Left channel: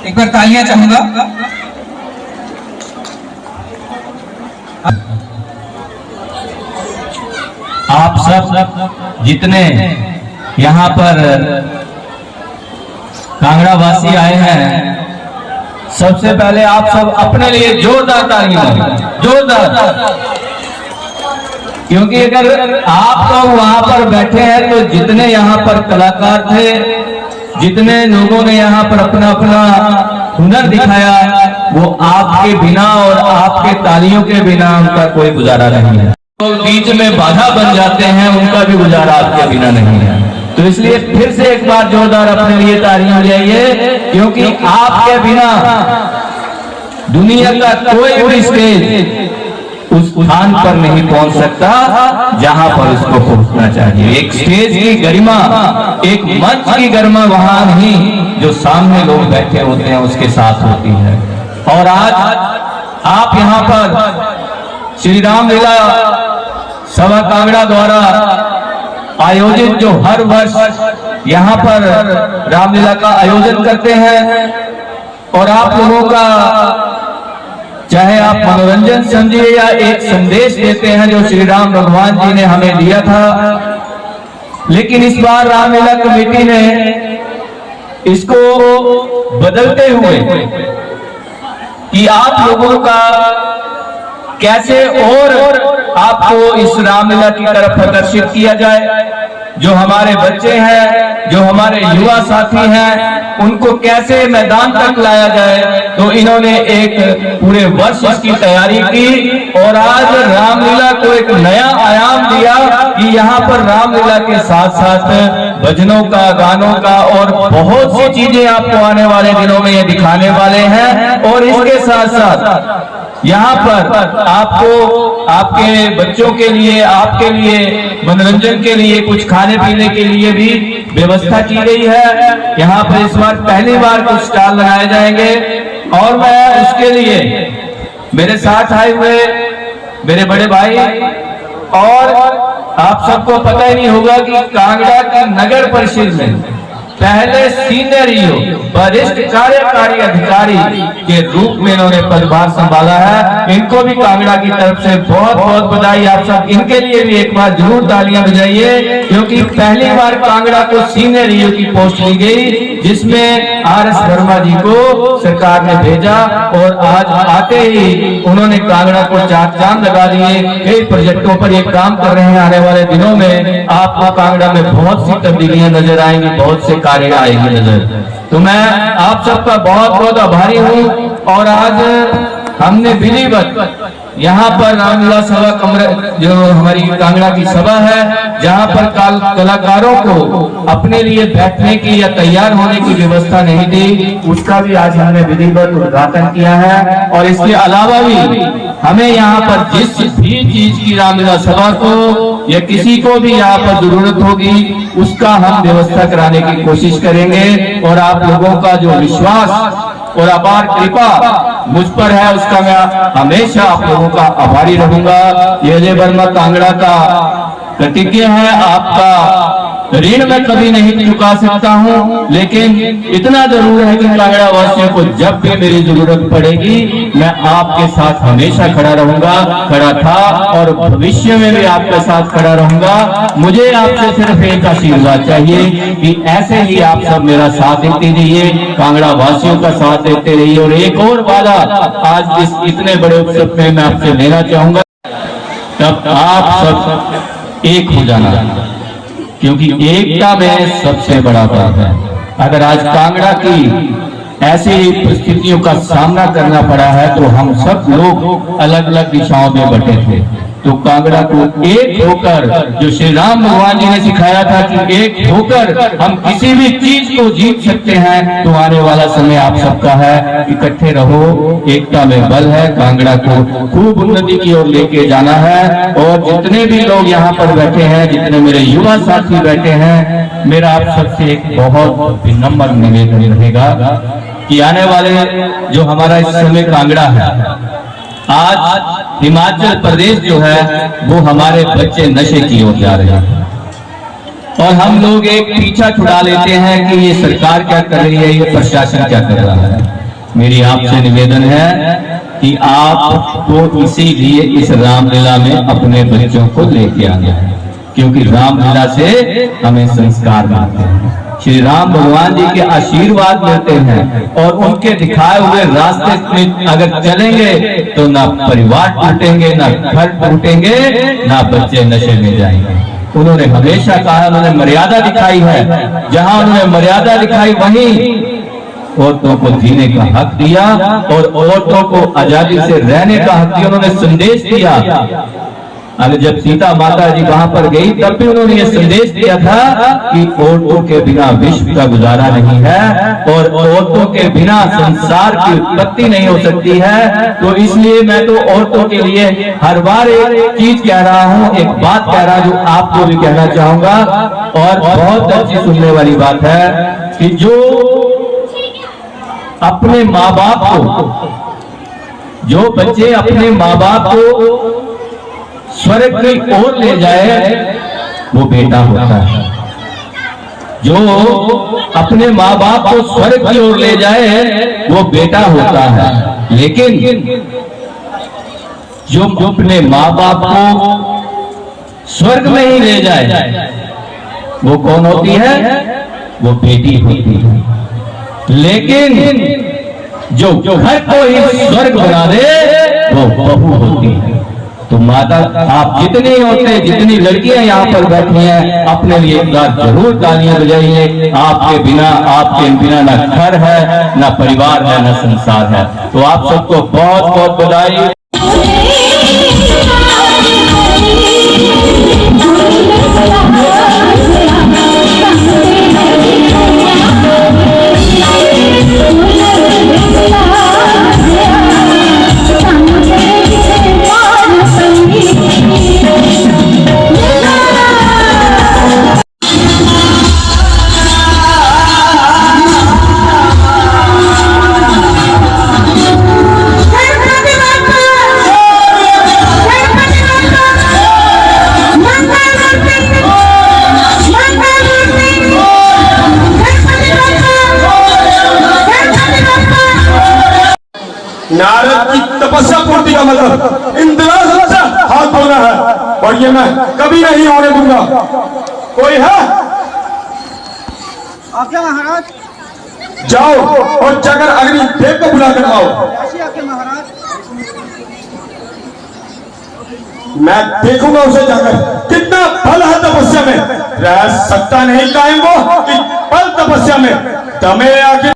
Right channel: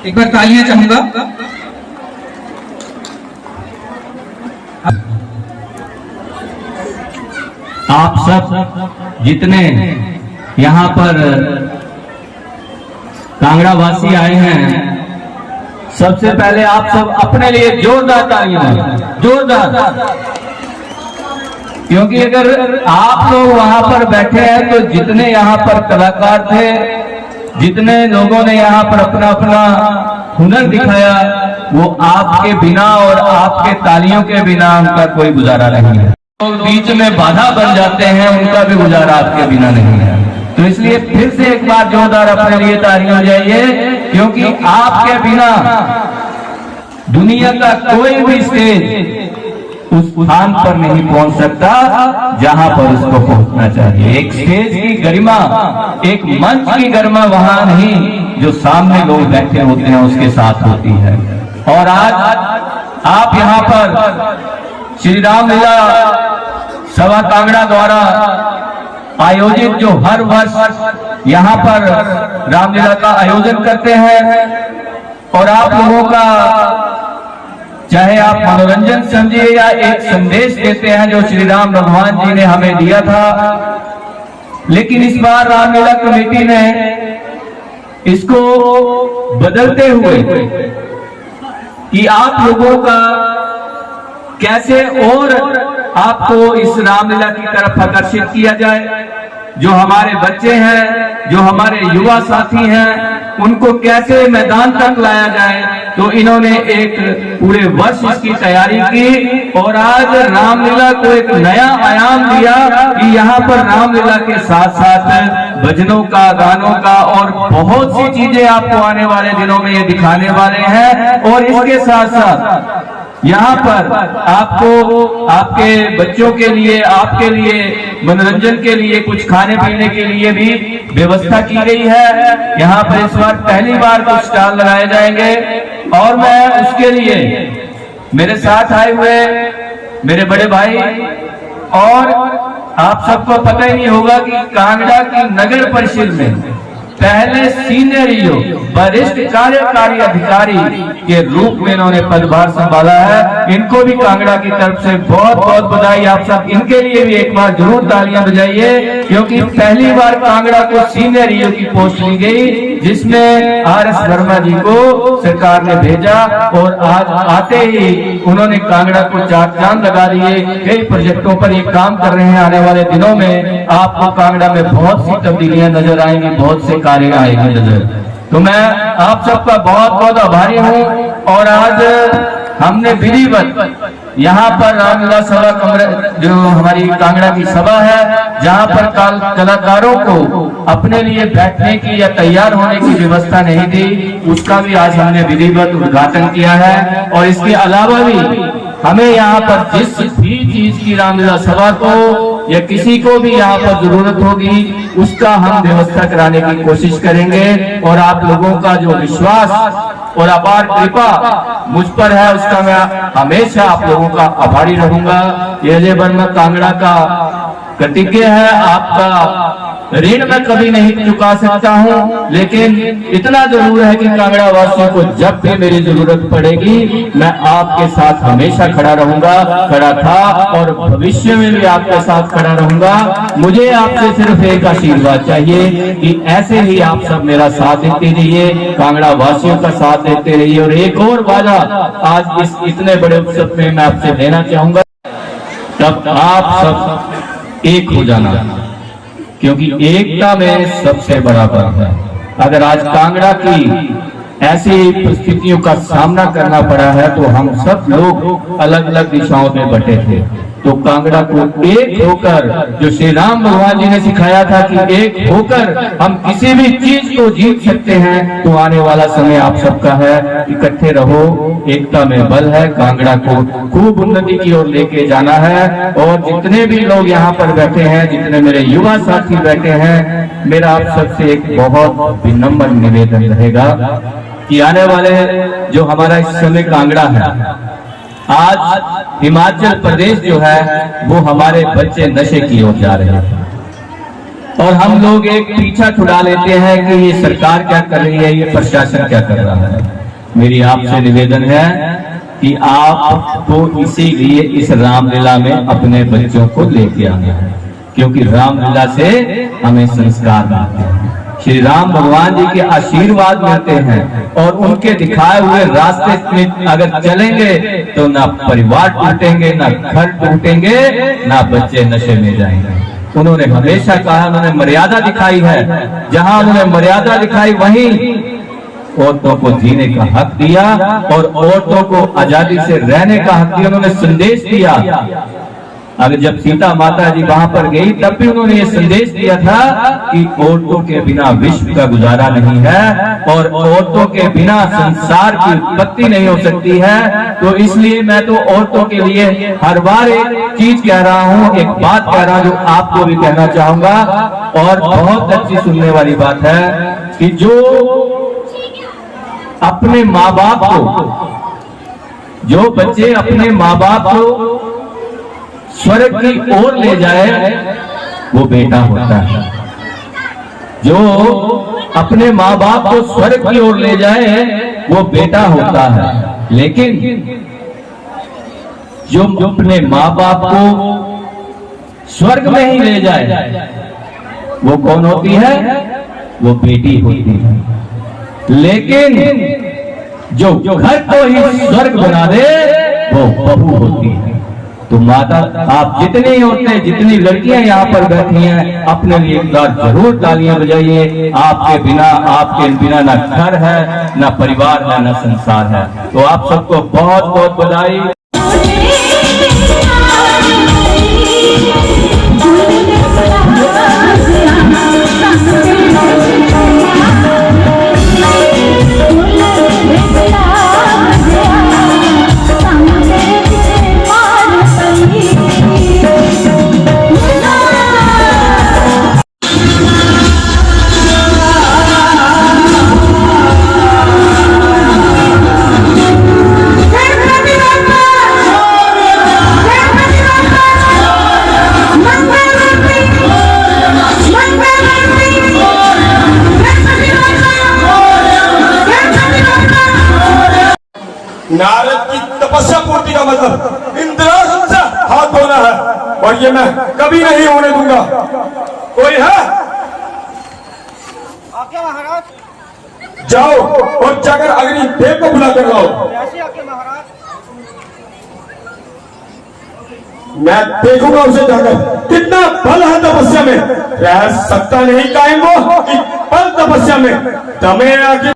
एक बार तालियां चाहूंगा। आप सब जितने यहाँ पर कांगड़ा वासी आए हैं, सबसे पहले आप सब अपने लिए जोरदार तालियां, जोरदार। क्योंकि अगर आप लोग वहां पर बैठे हैं तो जितने यहाँ पर कलाकार थे, जितने लोगों ने यहाँ पर अपना अपना हुनर दिखाया, वो आपके बिना और आपके तालियों के बिना उनका कोई गुजारा नहीं है। तो बीच में बाधा बन जाते हैं, उनका भी गुजारा आपके बिना नहीं है। तो इसलिए फिर से एक बार जोरदार अपने लिए तालियां बजाइए, क्योंकि आपके बिना दुनिया का कोई भी स्टेज उस स्थान पर नहीं पहुंच सकता जहां पर उसको पहुंचना चाहिए। एक स्टेज की गरिमा, एक मंच की गरिमा वहां नहीं जो सामने लोग बैठे होते हैं उसके साथ होती है। और आज आप यहाँ पर श्री रामलीला सभा कांगड़ा द्वारा आयोजित जो हर वर्ष यहाँ पर रामलीला का आयोजन करते हैं, और आप लोगों का चाहे आप मनोरंजन समझिए या एक संदेश देते हैं जो श्री राम भगवान जी ने हमें दिया था, लेकिन इस बार रामलीला कमेटी ने इसको बदलते हुए कि आप लोगों का कैसे और आपको इस रामलीला की तरफ आकर्षित किया जाए। जो हमारे बच्चे हैं, जो हमारे युवा साथी हैं, उनको कैसे मैदान तक लाया जाए, तो इन्होंने एक पूरे वर्ष इसकी तैयारी की और आज रामलीला को एक नया आयाम दिया कि यहाँ पर रामलीला के साथ साथ भजनों का, गानों का और बहुत सी चीजें आपको आने वाले दिनों में ये दिखाने वाले हैं। और इसके साथ साथ यहाँ पर आपको आपके बच्चों के लिए, आपके लिए मनोरंजन के लिए, कुछ खाने पीने के लिए भी व्यवस्था की गई है। यहाँ पर इस बार पहली बार कुछ स्टॉल लगाए जाएंगे, और मैं उसके लिए मेरे साथ आए हुए मेरे बड़े भाई, और आप सबको पता ही नहीं होगा कि कांगड़ा की नगर परिषद में पहले सीनियर वरिष्ठ कार्यकारी अधिकारी के रूप में इन्होंने पदभार संभाला है। इनको भी कांगड़ा की तरफ से बहुत बहुत बधाई। आप सब इनके लिए भी एक बार जरूर तालियां बजाइए, क्योंकि पहली बार कांगड़ा को सीनियर ईओ की पोस्ट दी गई, जिसमें RS वर्मा जी को सरकार ने भेजा, और आज आते ही उन्होंने कांगड़ा को चार चांद लगा दिए। कई प्रोजेक्टों पर ये काम कर रहे हैं। आने वाले दिनों में आपको कांगड़ा में बहुत सी तब्दीलियां नजर आएंगी, बहुत से कार्य आएंगे नजर। तो मैं आप सबका बहुत बहुत आभारी हूँ। और आज हमने विधिवत यहाँ पर रामलीला सभा कमरा, जो हमारी कांगड़ा की सभा है, जहाँ पर कलाकारों को अपने लिए बैठने की या तैयार होने की व्यवस्था नहीं दी, उसका भी आज हमने विधिवत उद्घाटन किया है। और इसके अलावा भी हमें यहाँ पर जिस भी चीज की रामलीला सभा को या किसी को भी यहाँ पर जरूरत होगी, उसका हम व्यवस्था कराने की कोशिश करेंगे। और आप लोगों का जो विश्वास और अपार कृपा मुझ पर है, उसका मैं हमेशा आप लोगों का आभारी रहूंगा। यह जय वर्मा कांगड़ा का प्रतिज्ञा है, आपका ऋण मैं कभी नहीं चुका सकता हूं, लेकिन इतना जरूर है कि कांगड़ा वासियों को जब भी मेरी जरूरत पड़ेगी, मैं आपके साथ हमेशा खड़ा रहूंगा, खड़ा था और भविष्य में भी आपके साथ खड़ा रहूंगा। मुझे आपसे सिर्फ एक आशीर्वाद चाहिए कि ऐसे ही आप सब मेरा साथ देते रहिए, कांगड़ा वासियों का साथ देते रहिए। और एक और वादा आज इस इतने बड़े उत्सव में मैं आपसे लेना चाहूंगा, तब आप सब एक हो जाना, क्योंकि एकता में सबसे बड़ा बात है। अगर आज कांगड़ा की ऐसी परिस्थितियों का सामना करना पड़ा है, तो हम सब लोग अलग अलग दिशाओं में बटे थे, तो कांगड़ा को एक होकर, जो श्री राम भगवान जी ने सिखाया था कि एक होकर हम किसी भी चीज को जीत सकते हैं, तो आने वाला समय आप सबका है। इकट्ठे रहो, एकता में बल है। कांगड़ा को खूब उन्नति की ओर लेके जाना है। और जितने भी लोग यहाँ पर बैठे हैं, जितने मेरे युवा साथी बैठे हैं, मेरा आप सबसे एक बहुत विनम्र निवेदन रहेगा कि आने वाले जो हमारा इस समय कांगड़ा है, आज हिमाचल प्रदेश जो है वो हमारे बच्चे नशे की ओर जा रहे हैं, और हम लोग एक पीछा छुड़ा लेते हैं कि ये सरकार क्या कर रही है, ये प्रशासन क्या कर रहा है। मेरी आपसे निवेदन है कि आपको इसीलिए इस रामलीला में अपने बच्चों को लेके आना है, क्योंकि रामलीला से हमें संस्कार मिलते हैं, श्री राम भगवान जी के आशीर्वाद मिलते हैं, और उनके दिखाए हुए रास्ते में अगर चलेंगे तो ना परिवार टूटेंगे, ना घर टूटेंगे, ना बच्चे नशे में जाएंगे। उन्होंने हमेशा कहा, उन्होंने मर्यादा दिखाई है, जहां उन्होंने मर्यादा दिखाई वहीं औरतों को जीने का हक दिया और औरतों को आजादी से रहने का हक दिया। उन्होंने संदेश दिया। अगर जब सीता माता जी वहां पर गई तब भी उन्होंने ये संदेश दिया था कि औरतों के बिना विश्व का गुजारा नहीं है और औरतों के बिना संसार की उत्पत्ति नहीं हो सकती है। तो इसलिए मैं तो औरतों के लिए हर बार एक चीज कह रहा हूं, एक बात कह रहा हूं जो आपको भी कहना चाहूंगा, और बहुत अच्छी सुनने वाली बात है कि जो अपने माँ बाप को, जो बच्चे अपने माँ बाप को स्वर्ग की ओर ले जाए वो बेटा होता है। जो अपने माँ बाप को स्वर्ग की ओर ले जाए वो बेटा होता है। लेकिन जो अपने माँ बाप को स्वर्ग में ही ले जाए वो कौन होती है? वो बेटी होती है। लेकिन जो घर को ही स्वर्ग बना दे वो बहू होती है। तो माता, आप जितनी औरतें, जितनी लड़कियां यहाँ पर बैठी हैं, अपने लिए एक बार जरूर तालियां बजाइए। आपके बिना ना घर है, ना परिवार है, ना संसार है। तो आप सबको बहुत बहुत बधाई। नारद की तपस्या पूर्ति का मतलब इंद्र से हाथ धोना है, और ये मैं कभी नहीं होने दूंगा। कोई है? आज्ञा महाराज। जाओ और जाकर अग्निदेव को बुला कर लाओ। ऐसी आज्ञा महाराज। मैं देखूंगा उसे जाकर कितना बल है तपस्या में। रह सकता नहीं कायम वो कि बल तपस्या में। तुम्हें आखिर